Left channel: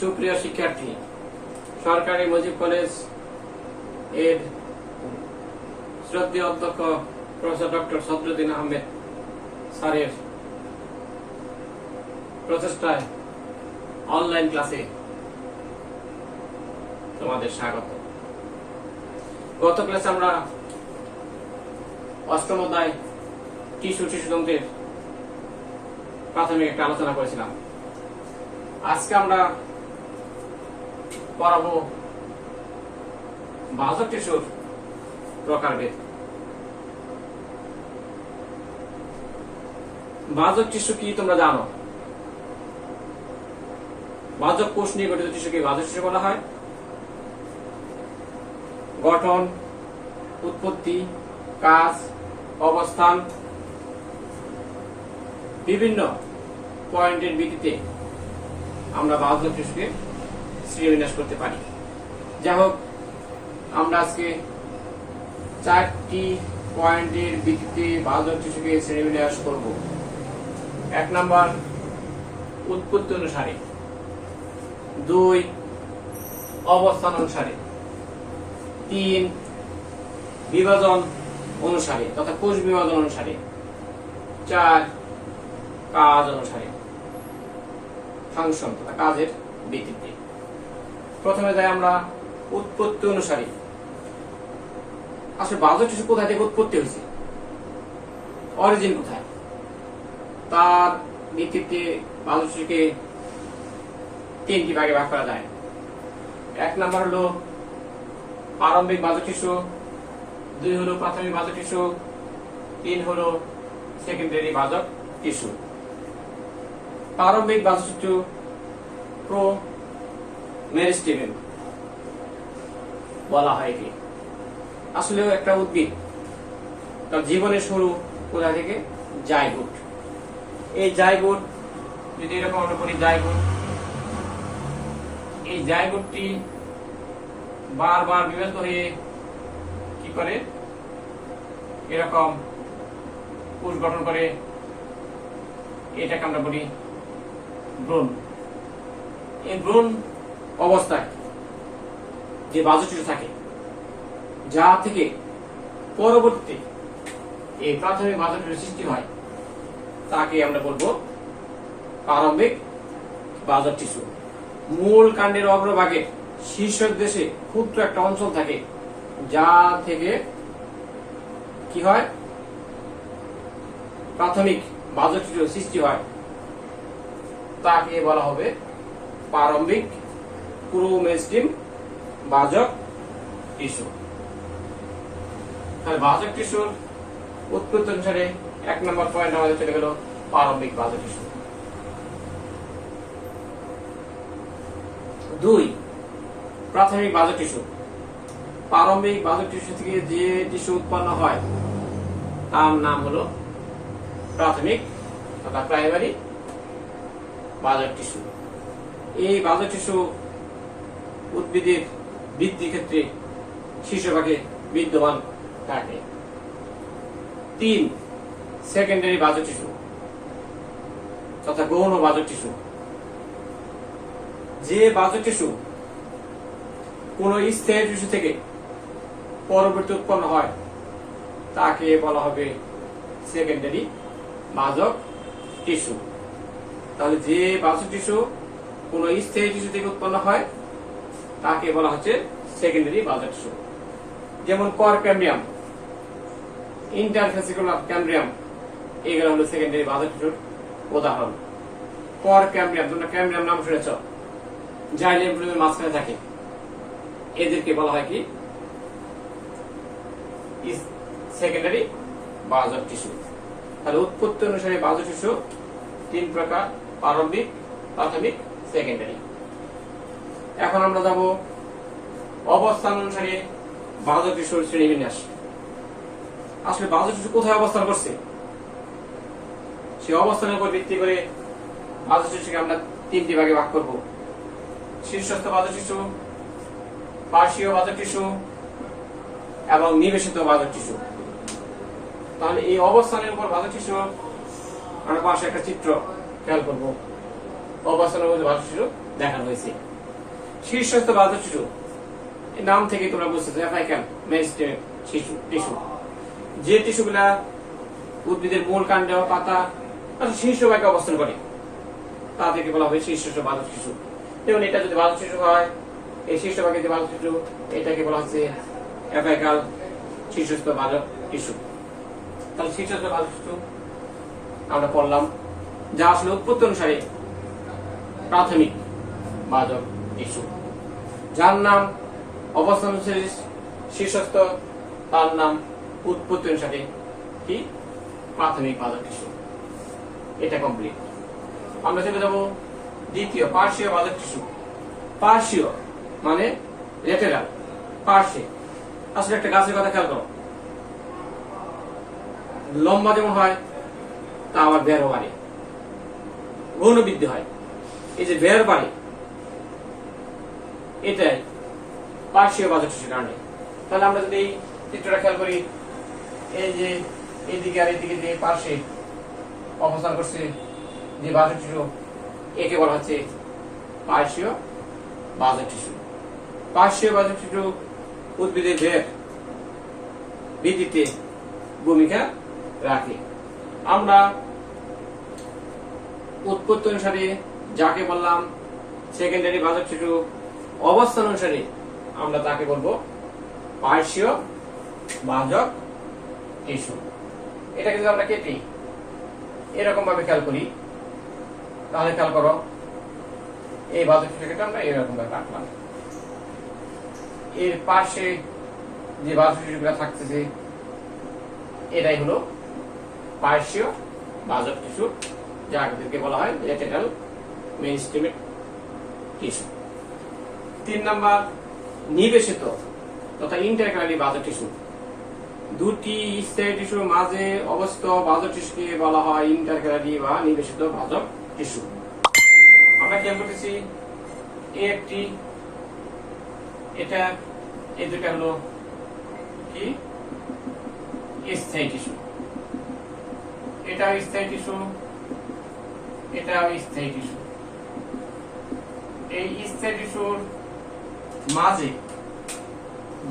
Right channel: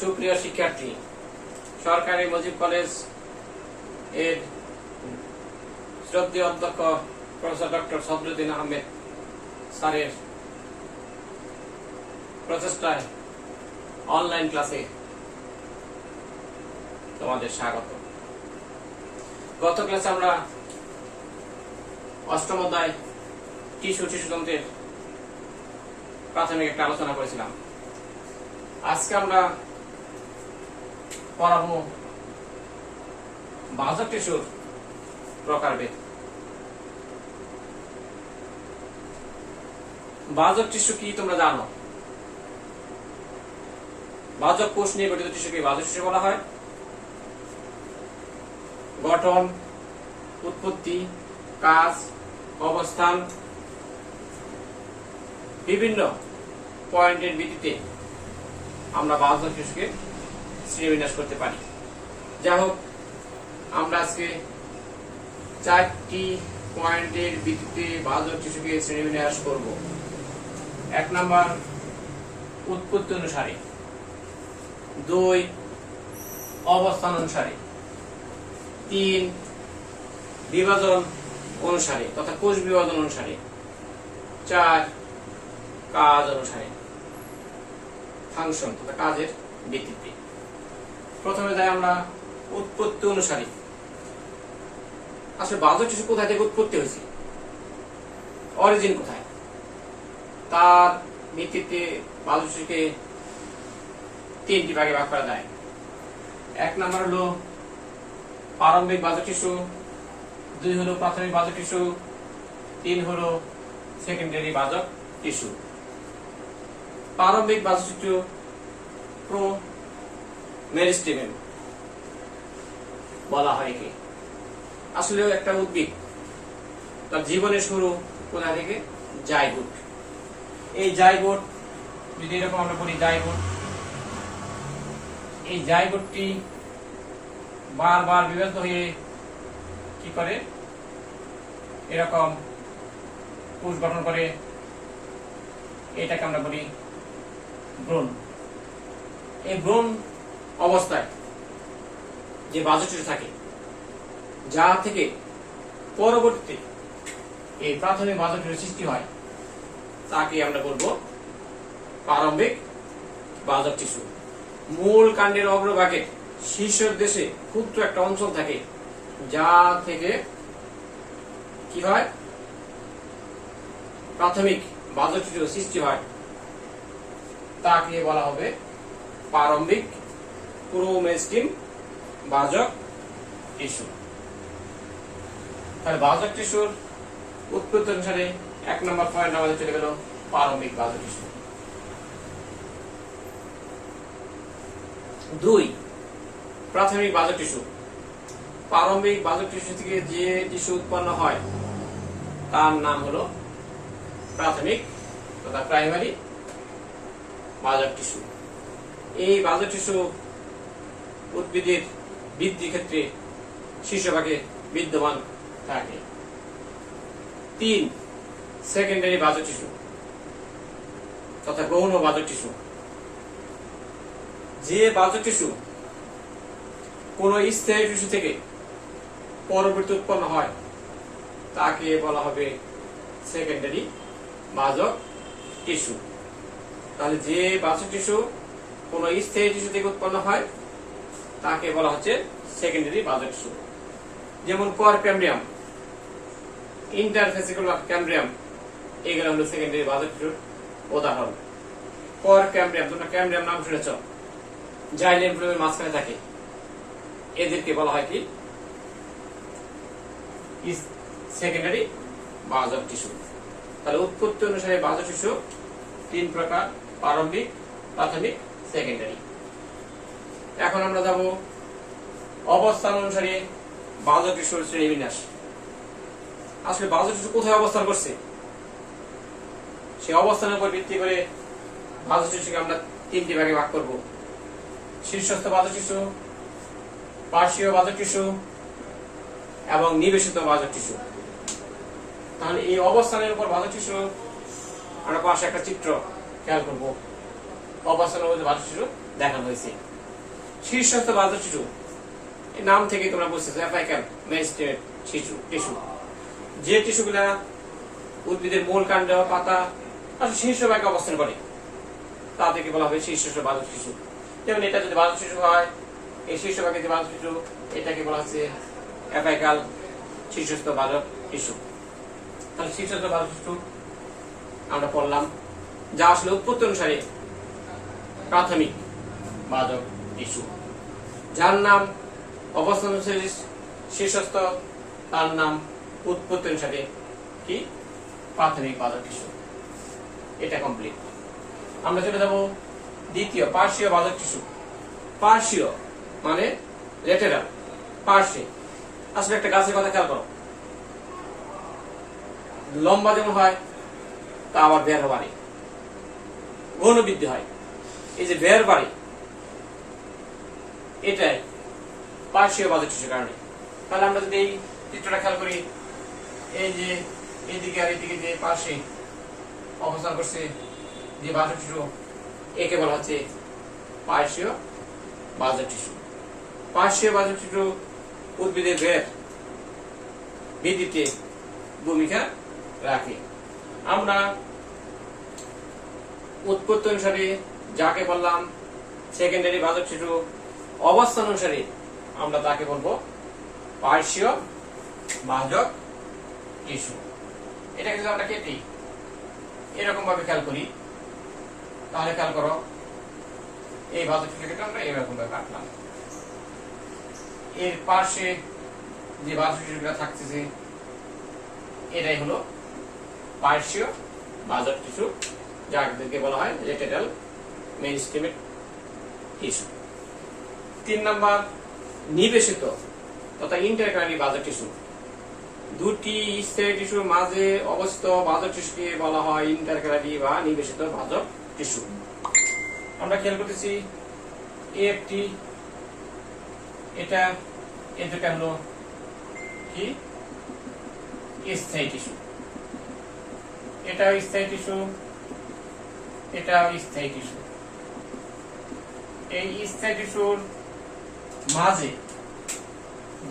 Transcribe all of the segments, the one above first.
সুপ্রিয় শিক্ষার্থী, সরকারি মুজিব কলেজ এর শ্রদ্ধেয় অধ্যক্ষ প্রফেসর ডক্টর সদরুদ্দিন আহমেদ স্যারের প্রচেষ্টায় অনলাইন ক্লাসে তোমাদের স্বাগত। গত ক্লাসে আমরা অষ্টম অধ্যায় শিশুতন্ত্রের প্রাথমিক একটা আলোচনা করেছিলাম। আজকে আমরা পড়াবো বাহ্যক টিস্যুর প্রকারভেদ। বাহ্যক টিস্যু কি তোমরা জানো? বাহ্যক কোষ নিয়ে গঠিত টিস্যুকে বাহ্যক টিস্যু বলা হয়। গঠন, উৎপত্তি, কাজ, অবস্থান বিভিন্ন পয়েন্টের ভিত্তিতে আমরা বাহ্যক টিস্যুকে শ্রেণীবিন্যাস করতে পারি। যাই হোক, আমরা আজকে 4টি পয়েন্টের ভিত্তিতে বাহ্যক টিস্যুকে শ্রেণীবিন্যাস করব। 1 নম্বর, উৎপত্তি অনুসারে। 2, অবস্থান অনুসারে। 3, বিভাজন অনুসারে তথা কোষ বিভাজন অনুসারে। 4, কাজ অনুসারে, ফাংশন তথা কাজের ভিত্তিতে। প্রথমে যাই আমরা উৎপত্তি অনুসারে। আসলে বাহ্যক টিস্যু কোথায় থেকে উৎপত্তি হয়েছে, অরিজিন কোথায়, তার ভিত্তিতে বাহ্যক টিস্যুকে 3টি ভাগে ভাগ করা যায়। 1 নম্বর হলো প্রারম্ভিক বাহ্যক টিস্যু, 2 হলো প্রাথমিক বাহ্যক টিস্যু, 3 হলো সেকেন্ডারি বাহ্যক টিস্যু। প্রারম্ভিক বাহ্যক টিস্যু প্রো মেরিস্টেম বলা হয়। কি আসলে একটা উদ্ভিদ, তার জীবনের শুরু কোথা থেকে? জাইগোট। এই জাইগোট, যদি এরকম আমরা বলি জাইগোট, এই জাইগোটটি বারবার বিভক্ত হয়ে কি করে? এরকম কোষ গঠন করে। এটাকে আমরা বলি ভ্রূণ। এই ভ্রূণ অবস্থায় যে বাহ্যক টিস্যু থাকে, যা থেকে পরবর্তীতে এই প্রাথমিক বাহ্যক টিস্যুর সৃষ্টি হয়, তাকে আমরা বলবো প্রারম্ভিক বাহ্যক টিস্যু। মূল কাণ্ডের অগ্রভাগে শীর্ষের দেশে ক্ষুদ্র একটা অঞ্চল থাকে, যা থেকে কি হয়? প্রাথমিক বাহ্যক টিস্যুর সৃষ্টি হয়, তাকে বলা হবে প্রারম্ভিক প্রোমেরিস্টেম বাহ্যক টিস্যু। তাহলে বাহ্যক টিস্যুর উৎপত্তি অনুসারে 1 নম্বর পয়েন্ট আমাদের চলে গেল প্রারম্ভিক বাহ্যক টিস্যু। 2, প্রাথমিক বাহ্যক টিস্যু। প্রারম্ভিক বাহ্যক টিস্যু থেকে যে টিস্যু উৎপন্ন হয় তার নাম হলো প্রাথমিক তথা প্রাইমারি বাহ্যক টিস্যু। এই বাহ্যক টিস্যু উদ্ভিদের বৃদ্ধির ক্ষেত্রে শীর্ষভাগে বিদ্যমান থাকে। 3, সেকেন্ডারি বাহ্যক টিস্যু তথা গৌণ বাহ্যক টিস্যু। যে বাহ্যক টিস্যু কোন স্থায়ী টিস্যু থেকে পরবর্তী উৎপন্ন হয়, তাকে বলা হবে সেকেন্ডারি বাহ্যক টিস্যু। তাহলে যে বাহ্যক টিস্যু কোন স্থায়ী টিস্যু থেকে উৎপন্ন হয়, তাকে বলা হচ্ছে সেকেন্ডারি বাহ্যক টিস্যু। যেমন কর ক্যাম্বিয়াম, ইন্টারফেসিকুলার ক্যাম্বিয়াম, এগুলো হলো সেকেন্ডারি বাহ্যক টিস্যুর উদাহরণ। কর ক্যাম্বিয়াম, তোমরা ক্যাম্বিয়াম নাম শুনেছ, জাইলেম ফ্লোয়েমের মাঝখানে থাকে, এদেরকে বলা হয় কি? সেকেন্ডারি বাহ্যক টিস্যু। তাহলে উৎপত্তি অনুসারে বাহ্যক টিস্যু 3 প্রকার: প্রারম্ভিক, প্রাথমিক, সেকেন্ডারি। এখন আমরা যাব অবস্থান অনুসারে বাহ্যক টিস্যুর শ্রেণীবিন্যাস। আসলে বাহ্যক টিস্যু কোথায় অবস্থান করছে, সেই অবস্থানের উপর ভিত্তি করে বাহ্যক টিস্যুকে আমরা 3টি ভাগে ভাগ করব: শীর্ষস্থ বাহ্যক টিস্যু, পার্শ্বীয় বাহ্যক টিস্যু এবং নিবেশিত বাহ্যক টিস্যু। তাহলে এই অবস্থানের উপর বাহ্যক টিস্যু আমরা পাশে একটা চিত্র খেয়াল করব। অবস্থানের মধ্যে বাহ্যক টিস্যু দেখানো হয়েছে। শীর্ষস্থ বাহ্যক টিস্যু, এই নাম থেকে তোমরা বুঝতেছো অ্যাপিক্যাল মেরিস্টেমের টিস্যু, যে টিস্যুগুলা উদ্ভিদের মূল কাণ্ড পাতা শীর্ষভাগে অবস্থান করে তাদেরকে বলা হবে শীর্ষস্থ বাহ্যক টিস্যু। যেমন এটা যদি বাহ্যক টিস্যু হয়, এই শীর্ষভাগে যে বাহ্যক টিস্যু এটাকে বলা হচ্ছে অ্যাপিক্যাল শীর্ষস্থ বাহ্যক টিস্যু। তাহলে শীর্ষস্থ বাহ্যক টিস্যু আমরা পড়লাম, যা আসলে উৎপত্তি অনুসারে প্রাথমিক বাহ্যক টিস্যু। যার নাম অবস্থান অনুসারে শীর্ষস্থ, তার নাম উৎপত্তি অনুসারে কি প্রাথমিক বাহ্যক টিস্যু। এটা কমপ্লিট। আমরা চলে যাব দ্বিতীয় পার্শ্বীয় বাহ্যক টিস্যু। পার্শ্বীয় মানে ল্যাটেরাল, পার্শ্বে। আসলে একটা গাছের কথা খেয়াল করো, লম্বা যেমন হয় তা আবার বেরও বাড়ে, গৌণ বৃদ্ধি হয়। এই যে বের বাড়ে এটাই পার্শ্বীয় বাহ্যক টিস্যুর কারণে। তাহলে আমরা যদি এই চিত্রটা খেয়াল করি, এই যে এইদিকে আর এইদিকে যে পার্শ্বে অবস্থান করছে যে বাহ্যক টিস্যু, একে বলা হচ্ছে পার্শ্বীয় বাহ্যক টিস্যু। পার্শ্বীয় বাহ্যক টিস্যু উদ্ভিদের বের বৃদ্ধিতে ভূমিকা রাখে। আমরা উৎপত্তি অনুসারে যাকে বললাম সেকেন্ডারি বাহ্যক টিস্যু, অবস্থান অনুসারে আমরা তাকে বলবো পার্শ্বীয় বাহ্যক টিস্যু। এটাকে যদি আমরা কেটে এরকম ভাবে খেয়াল করি, তাহলে খেয়াল করো এই বাহ্যক টিস্যুকে আমরা এরকম ভাবে কাটলাম, এর পাশে যে বাহ্যক টিস্যুগুলো থাকতেছে এটাই হলো পার্শ্বীয় বাহ্যক টিস্যু, যাদেরকে বলা হয় ল্যাটেরাল মেরিস্টেমের টিস্যু। 3 নাম্বার নিবেশিত তথা ইন্টারক্যালারি বাহ্যক টিস্যু। দুটি স্থায়ী টিস্যুর মাঝে অবস্থিত বাহ্যক টিস্যুকে বলা হয় ইন্টারক্যালারি বা নিবেশিত বাহ্যক টিস্যু। আমরা খেয়াল করতেছি একটি, এটা এই দুটা হলো কি স্থায়ী টিস্যু, এটাও স্থায়ী টিস্যু, এটাও স্থায়ী টিস্যু। এই স্থায়ী টিস্যুর মাঝে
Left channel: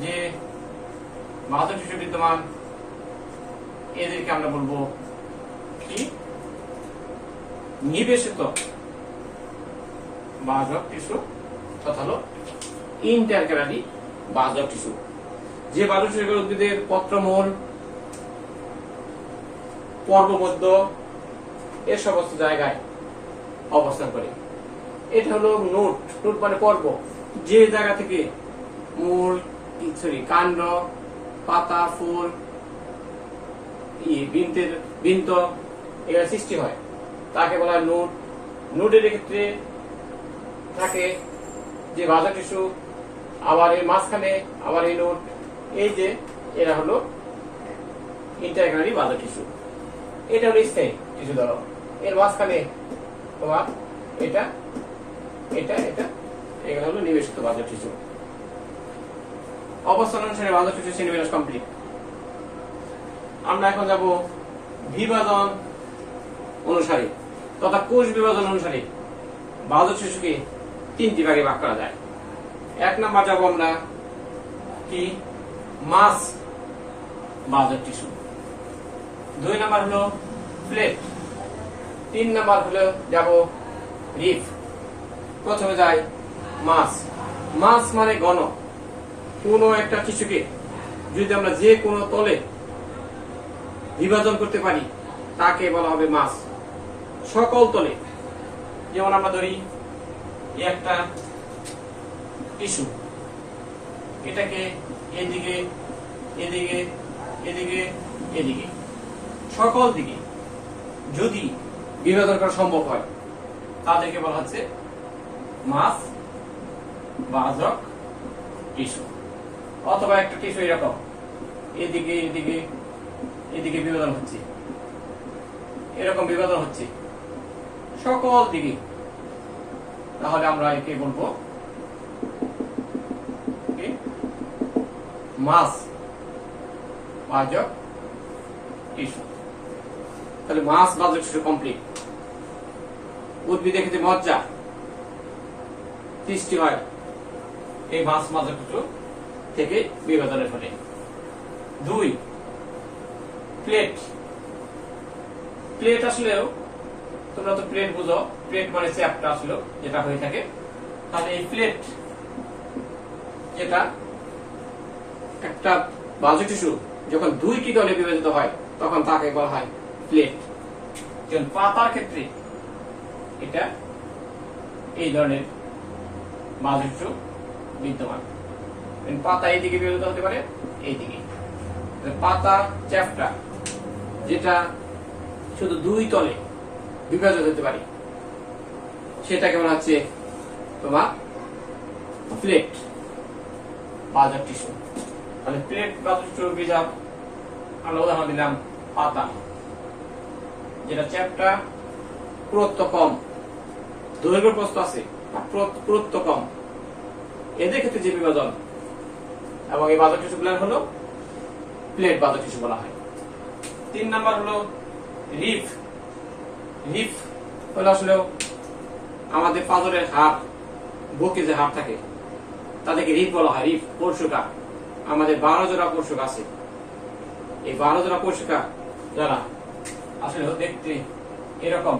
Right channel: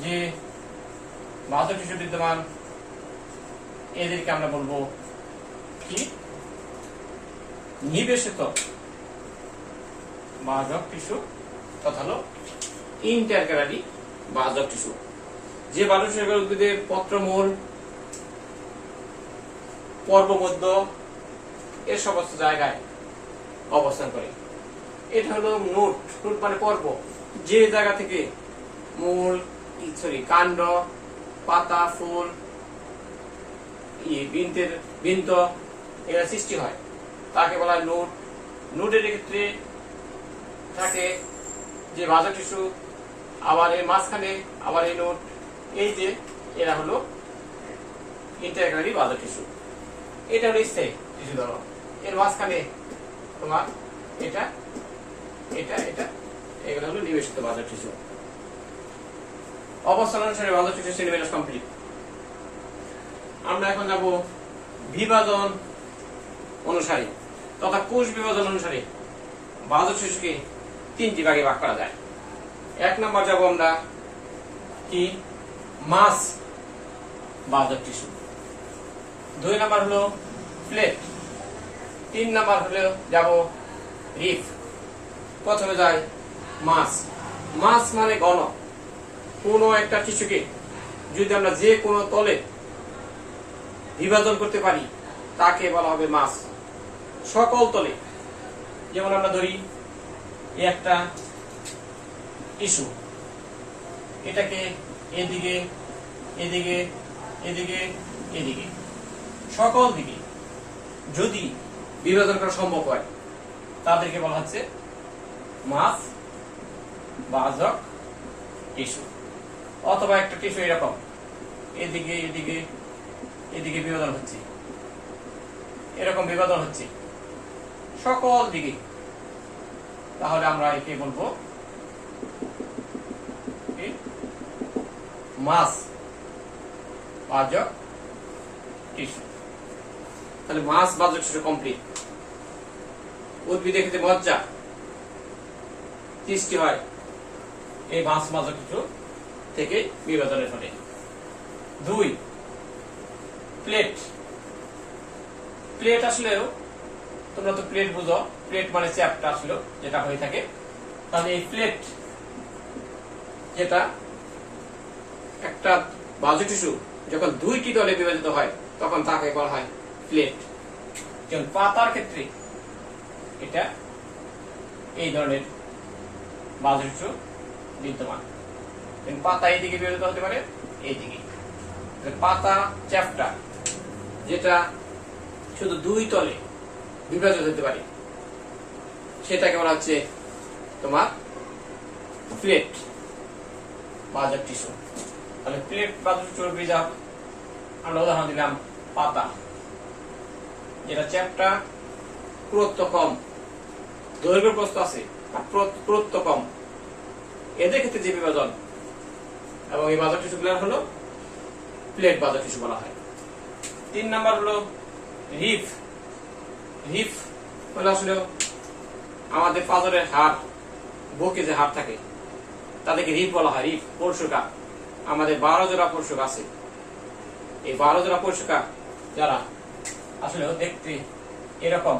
যে বাহ্যক টিস্যু বিদ্যমান এদেরকে আমরা বলবো কি নিবেশিত বাহ্যক টিস্যু তথা হলো ইন্টারক্যালারি বাহ্যক টিস্যু। যে বাহ্যক টিস্যু উদ্ভিদের পত্রমূল, পর্বমধ্য এর সমস্ত জায়গায় অবস্থান করে। এটা হলো নোট, নোট মানে পর্ব, যে জায়গা থেকে মূল কাণ্ড, পাতা, ফুল, বৃন্ত এরা সৃষ্টি হয় তাকে বলা হয় নোট। নোটের ক্ষেত্রে থাকে যে বাহ্যক টিস্যু, আবার এর মাঝখানে আবার এই নোট, এই যে এরা হলো ইন্টারক্যালারি বাহ্যক টিস্যু। এটা হলো স্থায়ী টিস্যু। ধরো এর মাঝখানে তোমার এটা এটা এটা এগুলো হলো নিবেশিত বাহ্যক টিস্যু। অবস্থান অনুসারে বাহ্যক টিস্যু শ্রেণীবিন্যাস কমপ্লিট। আমরা এখন যাব বিভাজন অনুসারে তথা কোষ বিভাজন অনুসারে বাহ্যক টিস্যুকে 3টি ভাগে ভাগ করা যায়। 1 নাম্বার যাব আমরা কি মাস বাহ্যক টিস্যু, 2 নাম্বার হলো প্লেট, 3 নাম্বার হলো যাব রিফ। প্রথমে যাই মাস। মাস মানে ঘন। কোন একটা টিস্যুকে যদি আমরা যে কোনো তলে বিভাজন করতে পারি তাকে বলা হবে মাস। সকল তলে, যেমন আমরা ধরি একটা টিস্যু, এটাকে এদিকে এদিকে এদিকে এদিকে সকল দিকে যদি বিভাজন করা সম্ভব হয় তাদেরকে বলা হচ্ছে মাস বাহ্যক টিস্যু। অথবা একটা টিস্যু এরকম এদিকে এদিকে এদিকে বিভাজন হচ্ছে, এরকম বিভাজন হচ্ছে সকল দিকে, তাহলে আমরা একে বলবো মাস বাহ্যক টিস্যু। তাহলে মাস বাহ্যক টিস্যু কমপ্লিট। উদ্ভিদের ক্ষেত্রে মজ্জা সৃষ্টি হয় এই ভাঁজ মাজক টিস্যু থেকে বিভাজনের ফলে। 2 প্লেট। প্লেট আসলেও তোমরা তো প্লেট বুঝো, প্লেট মানে চ্যাপ্টা আসলে যেটা হয়ে থাকে। তাহলে এই প্লেট যেটা একটা বাহ্য টিস্যু যখন 2টি দলে বিভাজিত হয় তখন তাকে বলা হয় প্লেট। যেমন পাতার ক্ষেত্রে এটা এই ধরনের বাহ্য টিস্যু বিদ্যমান। পাতা এইদিকে বিভাজিত হতে পারে, এইদিকে। পাতা চ্যাপ্টা যেটা শুধু 2 তলে বিভাজিত হতে পারে সেটাকে বলা হচ্ছে তোমার প্লেট বাহ্যক টিস্যু। তাহলে প্লেট বাহ্যক টিস্যুর বিভাগ আমরা উদাহরণ দিলাম পাতা, যেটা চ্যাপ্টা পুরুত্ব কম, দৈর্ঘ্য প্রস্থ আছে, পুরুত্ব কম, এদের ক্ষেত্রে যে বিভাজন এবং এই বাহ্যক টিস্যুগুলো হলো প্লেট বাহ্যক টিস্যু বলা হয়। 3 নাম্বার হলো রিফ। রিফ হলো আসলে আমাদের পাঁজরের হাড়, বুকে যে হাড় থাকে তাদেরকে রিফ বলা হয়। রিফ পরশুকা, আমাদের 12 জোড়া পরশুক আছে। এই 12 জোড়া পরশুকা যারা আসলে দেখতে এরকম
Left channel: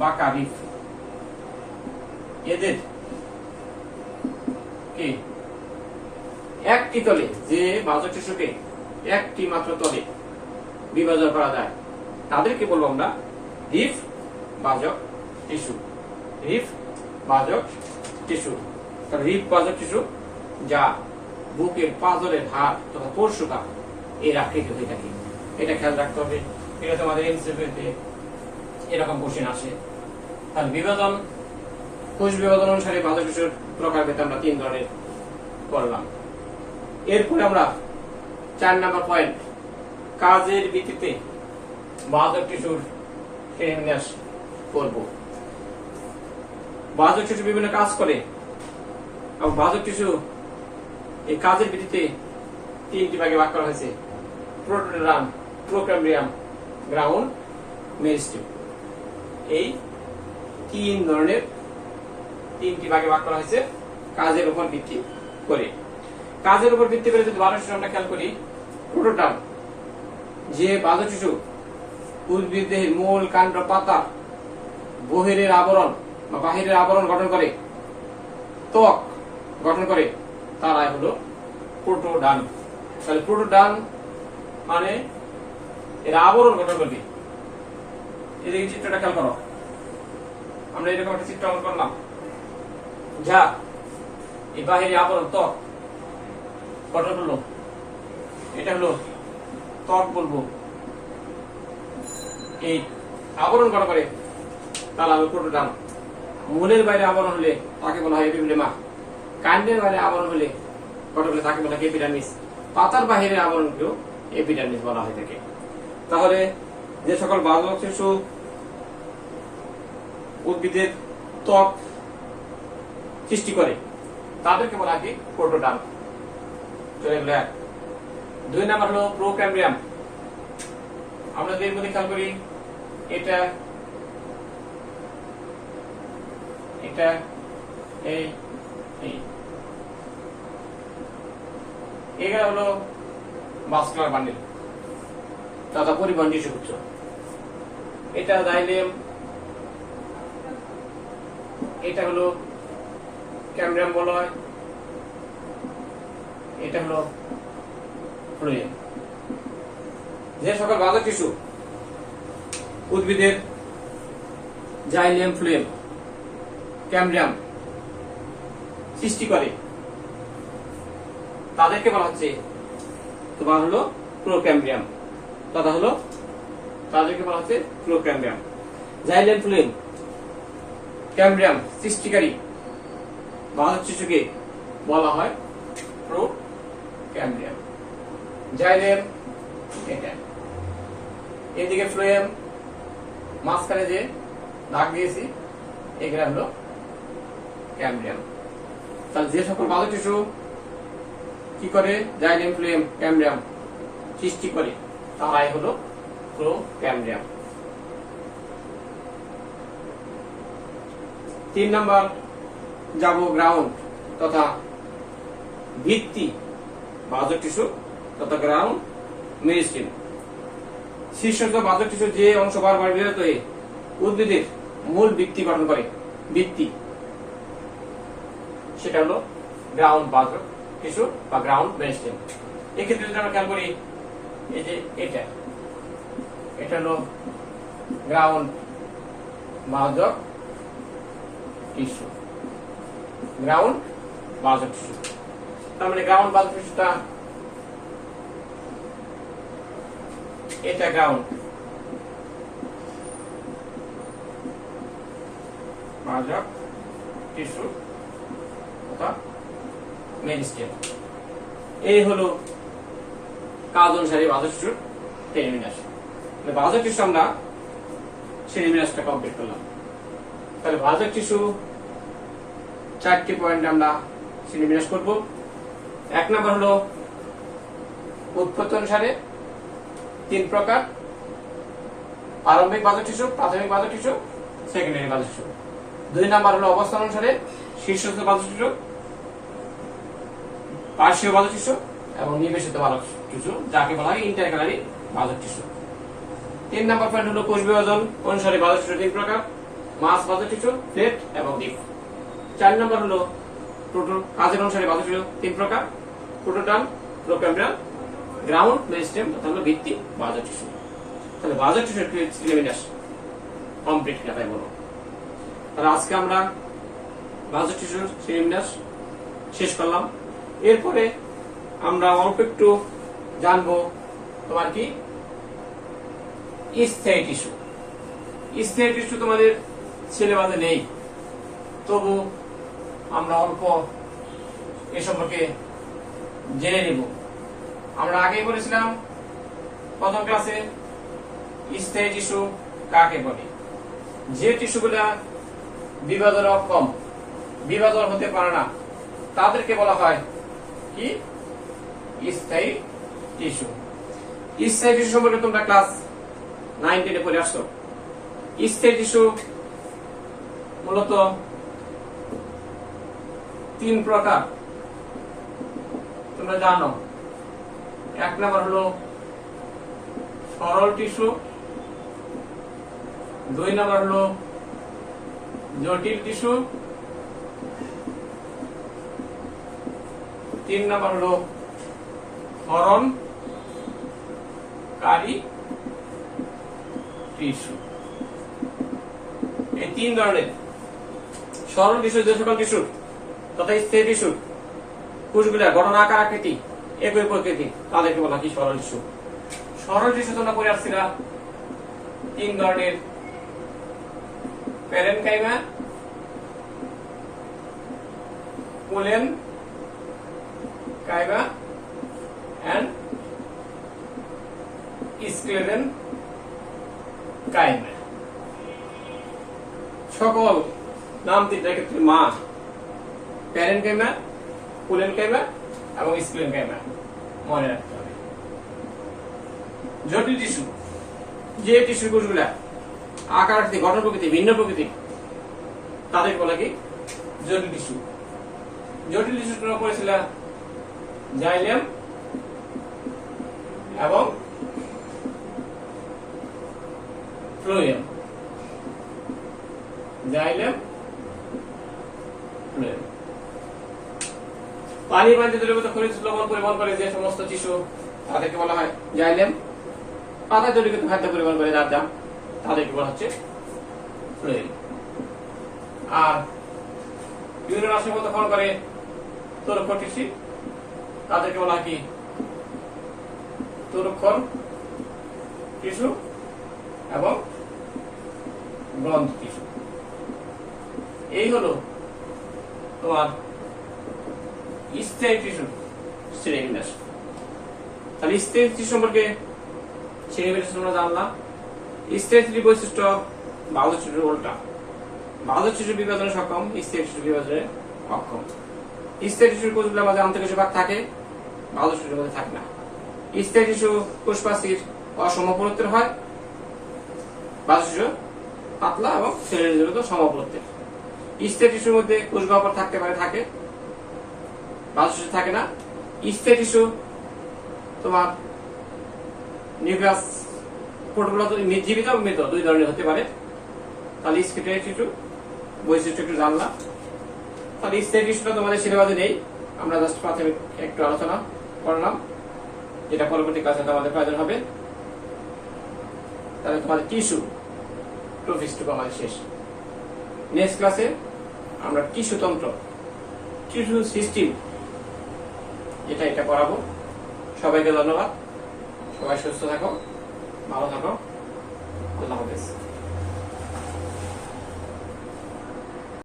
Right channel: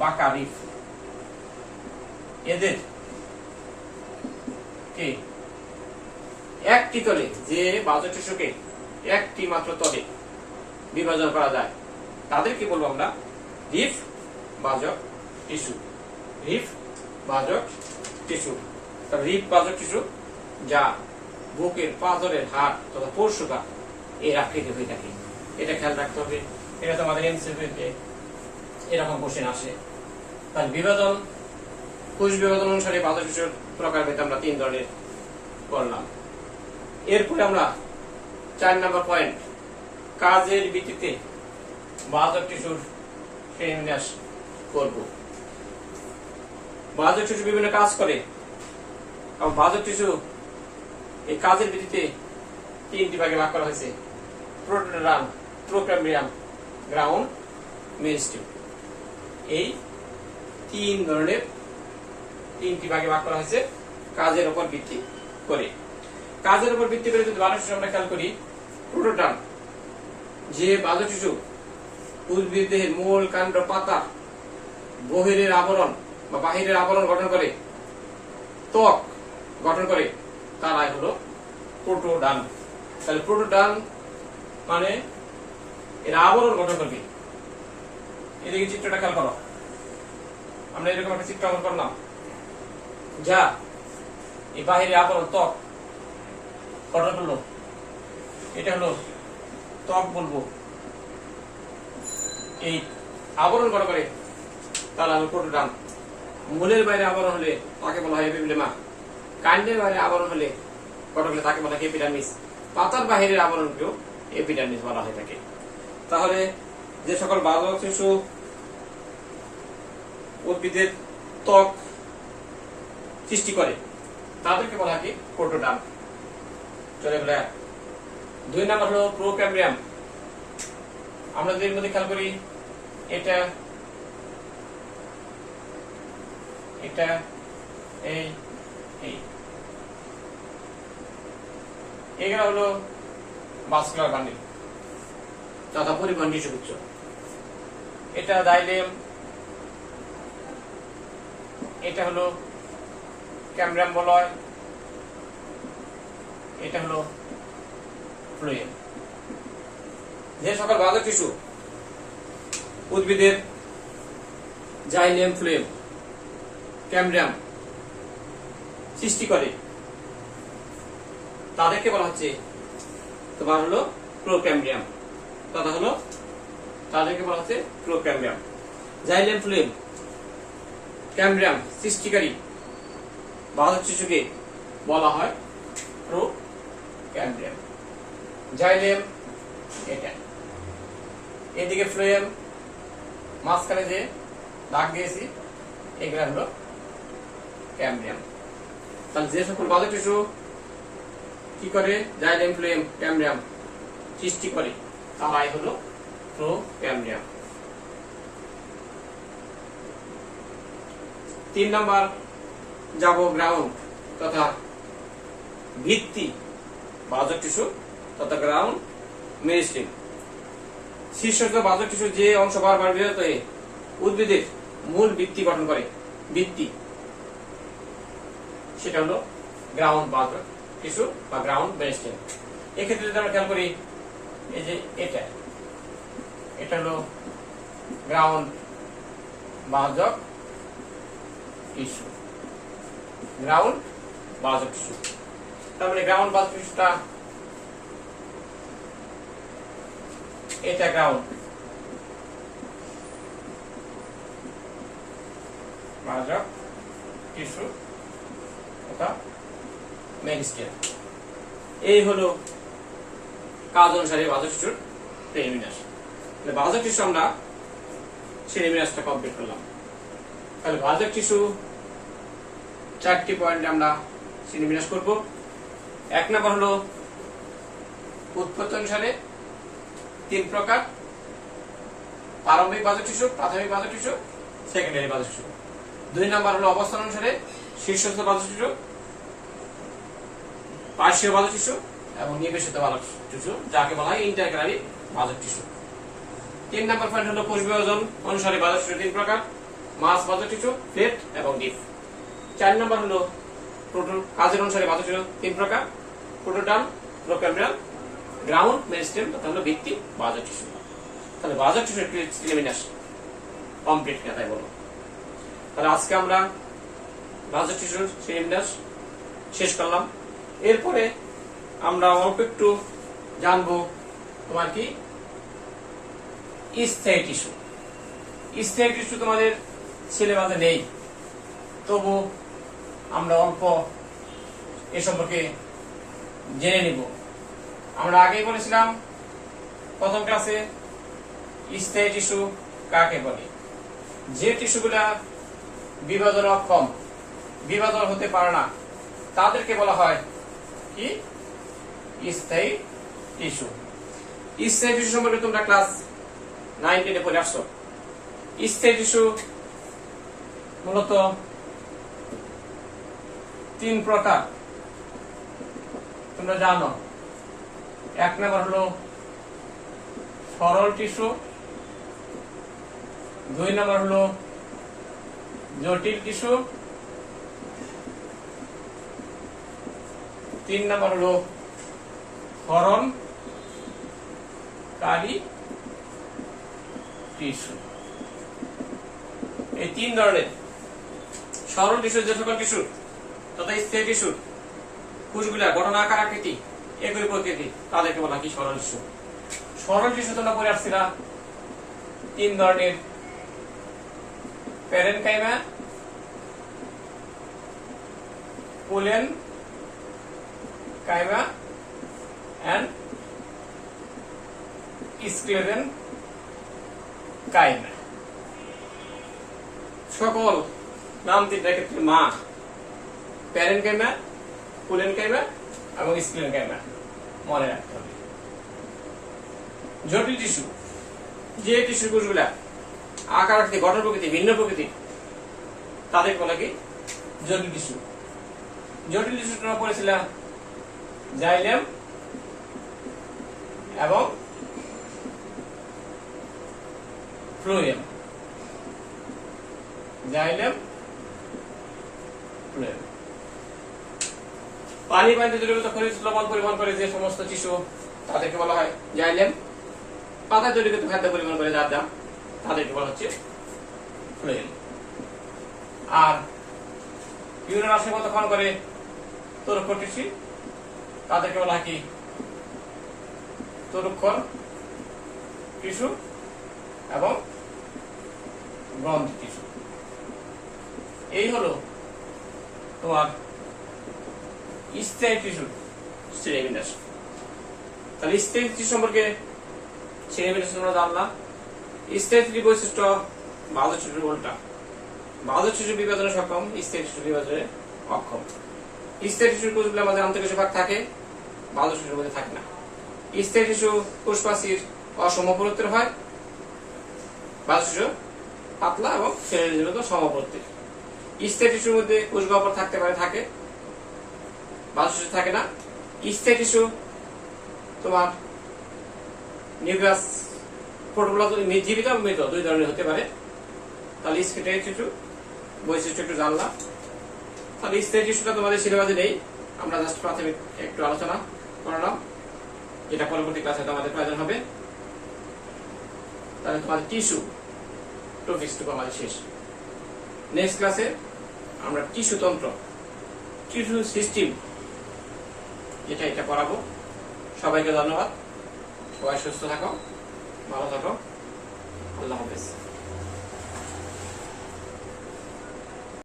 বাঁকা রিফ, এদের কি একটি তলে যে বাহ্যক টিস্যুকে একটি মাত্র তলে বিভাজন করা যায় তাদেরকে বলবো আমরা রিফ বাহ্যক টিস্যু। রিফ বাহ্যক টিস্যু। রিফ বাহ্যক টিস্যু যা বুকের পাঁজরের হাড় তথা পরশুকা এর আকৃতি হয়ে থাকে। এটা খেয়াল রাখতে হবে। এটা তো আমাদের এমসিকিউতে এরকম কোশ্চেন আসে। আর বিভাজন, কোষ বিভাজন অনুসারে বাহ্যক টিস্যুর প্রকারভেদ আমরা 3 ধরনের করলাম। এরপরে আমরা 4 নাম্বার পয়েন্ট, কাজের ভিত্তিতে বাহ্যক টিস্যুর শ্রেণীবিন্যাস করব। বাহ্যক টিস্যু বিভিন্ন কাজ করে এবং বাহ্যক টিস্যু এই কাজের ভিত্তিতে 3টি ভাগে ভাগ করা হয়েছে: প্রোটোডার্ম, প্রোক্যাম্বিয়াম, গ্রাউন্ড মেরিস্টেম। এই 3 ধরনের 3টি ভাগে ভাগ করা হয়েছে কাজের উপর ভিত্তি করে। কাজের উপর ভিত্তি করে যদি বাহ্যক টিস্যু আমরা খেয়াল করি, প্রোটোডার্ম যে বাহ্যক টিস্যু উদ্ভিদ দেহের মূল, কাণ্ড, পাতা বহিরের আবরণ বা বাহিরের আবরণ গঠন করে, ত্বক গঠন করে, তারাই হলো প্রোটোডার্ম। তাহলে প্রোটোডার্ম মানে এর আবরণ গঠন করবে। এদিকে চিত্রটা খেয়াল করো, আমরা এরকম একটা চিত্র অঙ্কন করলাম যা এই বাহিরে আবরণ ত্বক গঠন করলো। এটা হলো ত্বক বলবো। এই আবরণ গঠন করে তারা হলো প্রোটোডার্ম। মূলের বাইরে আবরণ হলে তাকে বলা হয় এপিডের্মা। কাণ্ডের বাইরে আবরণ হলে গঠন হলে তাকে বলা হয় এপিডার্মিস। পাতার বাহিরের আবরণকেও এপিডার্মিস বলা হয়ে থাকে। তাহলে যে সকল বাহ্যক টিস্যু উদ্ভিদের ত্বক সৃষ্টি করে তাদেরকে বলা হয় প্রোটোডার্ম। চলে গেল। 2 নাম্বার হলো প্রোক্যাম্বিয়াম। আমরা এর মধ্যে খেয়াল করি, এটা এটা এই এগুলো হলো ভাস্কুলার বান্ডিল তথা পরিবহন টিস্যুগুচ্ছ। এটা জাইলেম, এটা হলো ক্যামব্রিয়াম বলয়, এটা হলো ফ্লোয়েম। যে সকল বাহ্যক টিস্যু উদ্ভিদের জাইলেম, ফ্লোয়েম, ক্যামব্রিয়াম সৃষ্টি করে তাদেরকে বলা হচ্ছে তোমার হলো প্রোক্যাম্বিয়াম তথা হলো তাদেরকে বলা হচ্ছে প্রোক্যাম্বিয়াম। জাইলেম, ফ্লোয়েম, ক্যামব্রিয়াম সৃষ্টিকারী বাহ্যক টিস্যুকে বলা হয় প্রোক্যাম্বিয়াম। জাইলেম এটা, এদিকে ফ্লোয়েম, মাঝখানে যে দাগ দিয়েছি এগুলা হলো ক্যামব্রিয়াম। তাহলে যে সকল বাহ্যক টিস্যু কি করে জাইলেম, ফ্লোয়েম, ক্যামব্রিয়াম সৃষ্টি করে তারাই হলো প্রোক্যাম্বিয়াম। 3 নাম্বার যাব গ্রাউন্ড তথা ভিত্তি বাহ্যক টিস্যু তথা গ্রাউন্ড মেরিস্টেম। শীর্ষস্থ বাহ্যক টিস্যুর যে অংশ বারবার বিরত হয়ে উদ্ভিদের মূল ভিত্তি গঠন করে, ভিত্তি, সেটা হলো গ্রাউন্ড বাহ্যক টিস্যু বা গ্রাউন্ড মেরিস্টেম। এক্ষেত্রে যদি আমরা খেয়াল করি, এই যে এটা হলো গ্রাউন্ড বাহ্যক টিস্যু, গ্রাউন্ড বাহ্যক টিস্যু। তার মানে গ্রাউন্ড বাহ্যক টিস্যুটা এটা গ্রাউন্ড বাহ্যক টিস্যু অথবা মেরিস্টেম। এই হলো কাজ অনুসারে বাহ্যক টিস্যুর শ্রেণীবিন্যাস। বাহ্যক টিস্যু আমরা শ্রেণীবিন্যাসটা কমপ্লিট করলাম। তাহলে বাহ্যক টিস্যু 4টি পয়েন্টে আমরা শ্রেণীবিন্যাস করব। 1 নম্বর হলো উৎপত্তি অনুসারে 3 প্রকার: প্রারম্ভিক বাহ্যক টিস্যু, প্রাথমিক বাহ্যক টিস্যু, সেকেন্ডারি বাহ্যক টিস্যু। 2 নম্বর হলো অবস্থান অনুসারে শীর্ষস্থ বাহ্যক টিস্যু, পার্শ্বীয় বাহ্যক টিস্যু এবং নিবেশিত বাহ্যক টিস্যু, যাকে বলা হয় ইন্টারক্যালারি বাহ্যক টিস্যু। 3 নম্বর পয়েন্ট হলো কোষ বিভাজন অনুসারে বাহ্যক টিস্যু 3 প্রকার: মাস বাহ্যক টিস্যু, প্লেট এবং ডিপ। 4 নম্বর হলো কাজের অনুসারে বাহ্যক টিস্যু 3 প্রকার: প্রোটোটার্ম, প্রোক্যাম্বিয়াম, গ্রাউন্ড মেরিস্টেম তথা হলো ভিত্তি বাহ্যক টিস্যু। তাহলে বাহ্যক টিস্যুর শ্রেণীবিন্যাস কমপ্লিট কথাই বলো। তাহলে আজকে আমরা বাহ্যক টিস্যুর শ্রেণীবিন্যাস শেষ করলাম। এরপরে আমরা অল্প একটু জানবো তোমার কি স্থায়ী টিস্যু। স্থায়ী টিস্যু তোমাদের সিলেবাসে নেই, তবু আমরা অল্প এ সম্পর্কে জেনে নিব। আমরা আগেই বলেছিলাম প্রথম ক্লাসে স্থায়ী টিস্যু কাকে বলে। যে টিস্যুগুলা বিভাজন অক্ষম, বিভাজন হতে পারে না, তাদেরকে বলা হয় কি স্থায়ী টিস্যু। স্থায়ী টিস্যু সম্পর্কে তোমরা ক্লাস 9-10 পড়ে আসছো। স্থায়ী টিস্যু মূলত 3 প্রকার তোমরা জানো। 1 নম্বর হলো সরল টিস্যু, 2 নম্বর হলো জটিল টিস্যু, 3 নম্বর হলো ক্ষরণকারী টিস্যু। এই 3 ধরনের সরল টিস্যু, যে সকল টিস্যু তথা স্থায়ী টিস্যু কোষগুলা গঠন, আকার, আকৃতি একই প্রকৃতি, তাদেরকে বলা কি সরল টিস্যু। সরল টিস্যু তোমরা পড়ে আসছিলা 3 ধরনের: প্যারেনকাইমা, পোলেনকাইমা এন্ড স্ক্লেরেনকাইমা। সকল নাম 3টার ক্ষেত্রে মা, প্যারেনকাইমা, পোলেনকাইমা এবং স্ক্লেরেনকাইমা মনে রাখতে হবে। জটিল টিস্যু, যে টিস্যু কোষগুলা আকার, আকৃতি, গঠন প্রকৃতি ভিন্ন প্রকৃতি, তাদেরকে বলা কি জটিল টিস্যু। জটিল টিস্যু তোমরা পড়েছিল জাইলেম এবং ফ্লোয়েম। Xylem, phloem. পানিতে দ্রবীভূত খনিজ লবণ পরিবহন করে যে সমস্ত টিস্যু, তাদেরকে বলা হয় জাইলেম। পাতায় দ্রবীভূত খাদ্য পরিবহন করে যার দাম, তাদেরকে বলা হচ্ছে ফ্লোয়েম। আর ইউরিন আশ্রয়পথ করে তরুক্ষণ টিস্যু, তাদেরকে বলা হয় কি তরুক্ষণ টিস্যু এবং গ্রন্থি টিস্যু। এই হলো তোমার স্থায়ী টিস্যু শ্রেণীবিন্যাস। তাহলে স্থায়ী টিস্যু সম্পর্কে শ্রেণীবিন্যাস তোমরা জানলাম। স্থায়ী টিস্যু বৈশিষ্ট্য বাহ্যক টিস্যুর উল্টা। বাহ্যক টিস্যু বিভাজনে সক্ষম, স্থায়ী টিস্যু বিভাজনে অক্ষম। স্থায়ী টিস্যুর কোষগুলোর মাঝে আন্তঃকোষীয় ভাগ থাকে, বাহ্যক টিস্যুর মধ্যে থাকে না। স্থায়ী টিস্যু কোষপ্রাচীর অসমপ্রত্যের হয়, বাহ্যক টিস্যু পাতলা এবং শরীরের জন্য সমপ্রত্যের। স্থায়ী টিস্যুর মধ্যে কোষ গহ্বর থাকতে পারে, থাকে, বাজক টিস্যু থাকে না। স্থায়ী টিস্যু তোমার নিউক্লিয়াস প্রোটোপ্লাজম জীবিত এবং মৃত দুই ধরনের হতে পারে। তাহলে স্থায়ী টিস্যু বৈশিষ্ট্য একটু জানলাম। তাহলে স্থায়ী টিস্যুটা তোমাদের সিলেবাসে নেই, আমরা জাস্ট প্রাথমিক একটু আলোচনা করলাম, যেটা পরবর্তী ক্লাসে আমাদের প্রয়োজন হবে। তাহলে তোমাদের টিস্যু টপিকটুকু আমাদের শেষ। নেক্সট ক্লাসে আমরা টিস্যু তন্ত্র, টিস্যু সিস্টেম, এটা পড়াবো। সবাইকে ধন্যবাদ, সবাই সুস্থ থাকো, ভালো থাকো, আল্লাহ হাফেজ।